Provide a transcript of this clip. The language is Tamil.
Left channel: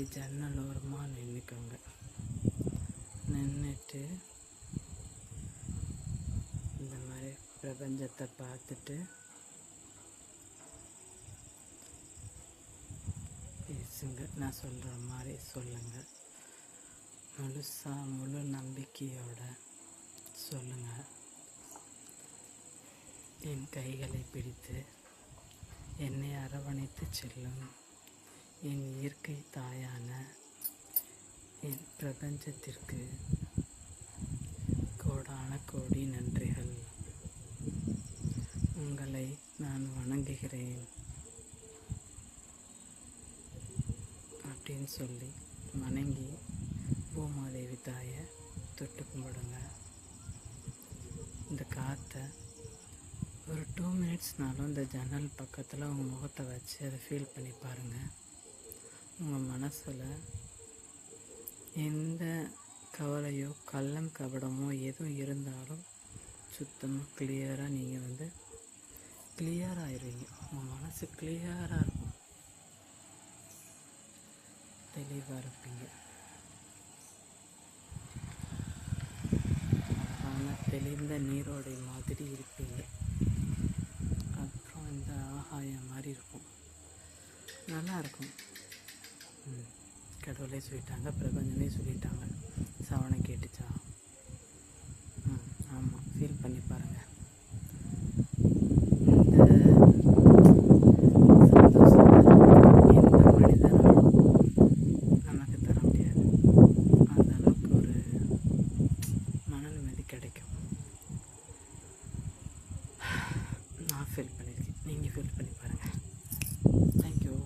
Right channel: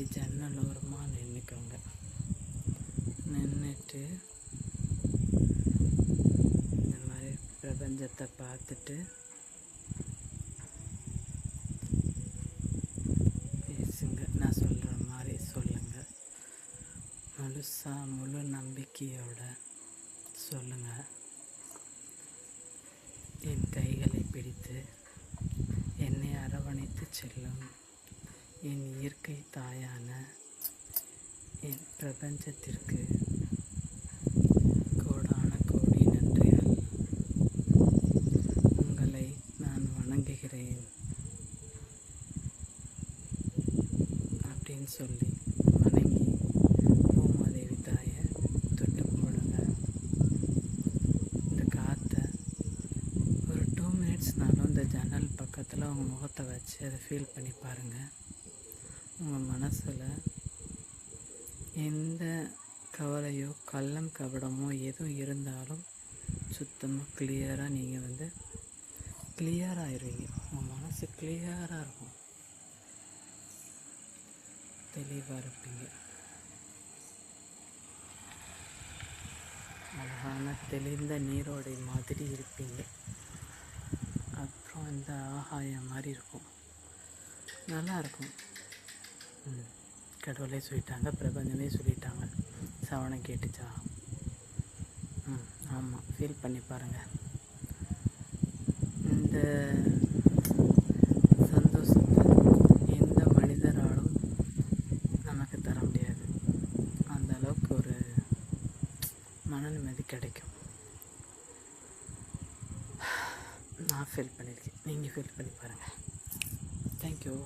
இப்படி ஜன்னல் ஓரமாக நின்றுக்கோங்க. நின்றுட்டு இந்த மாதிரி பிரபஞ்சத்தை பார்த்துட்டு பேசுங்க. நான் சொல்கிற மாதிரி சொல்லுங்கள். முழு நம்பிக்கையோட சொல்லுங்கள். என் கைகளை பிடித்து என்னை அரவணைத்து செல்லும் என் இயற்கை தாயான என் பிரபஞ்சத்திற்கு கோடான கோடி நன்றிகள். உங்களை நான் வணங்குகிறேன் அப்படின்னு சொல்லி வணங்கி பூமாதேவி தாயை தொட்டு கும்பிடுங்க. இந்த காற்றை ஒரு 2 மினிட்ஸ்னாலும் இந்த ஜன்னல் பக்கத்தில் உங்கள் முகத்தை வச்சு அதை ஃபீல் பண்ணி பாருங்கள். உங்கள் மனசில் எந்த கவலையோ கள்ளம் கபடமோ எதுவும் இருந்தாலும் சுத்தமாக கிளியராக நீங்கள் கிளியராகிடுவீங்க. உங்கள் மனசு கிளியராக இருக்கும், தெளிவாக இருப்பீங்க. அழகான தெளிந்த நீரோடை மாதிரி இருப்பீங்க. அப்புறம் இந்த ஆகாயம் மாதிரி இருக்கும், நல்லாயிருக்கும். கடவுளே சொல்லிட்டாங்க, பிரபஞ்சனே சொல்லிட்டாங்க. சவணம் கேட்டுச்சா? ஆமாம், ஃபீல் பண்ணி பாருங்கள். இந்த சந்தோஷத்தை எந்த மனிதனாலும் நமக்கு தர முடியாது. அந்த அளவுக்கு ஒரு மன நிம்மதி கிடைக்கும். நான் ஃபீல் பண்ணியிருக்கேன், நீங்கள் ஃபீல் பண்ணி பாருங்கள். தேங்க்யூ.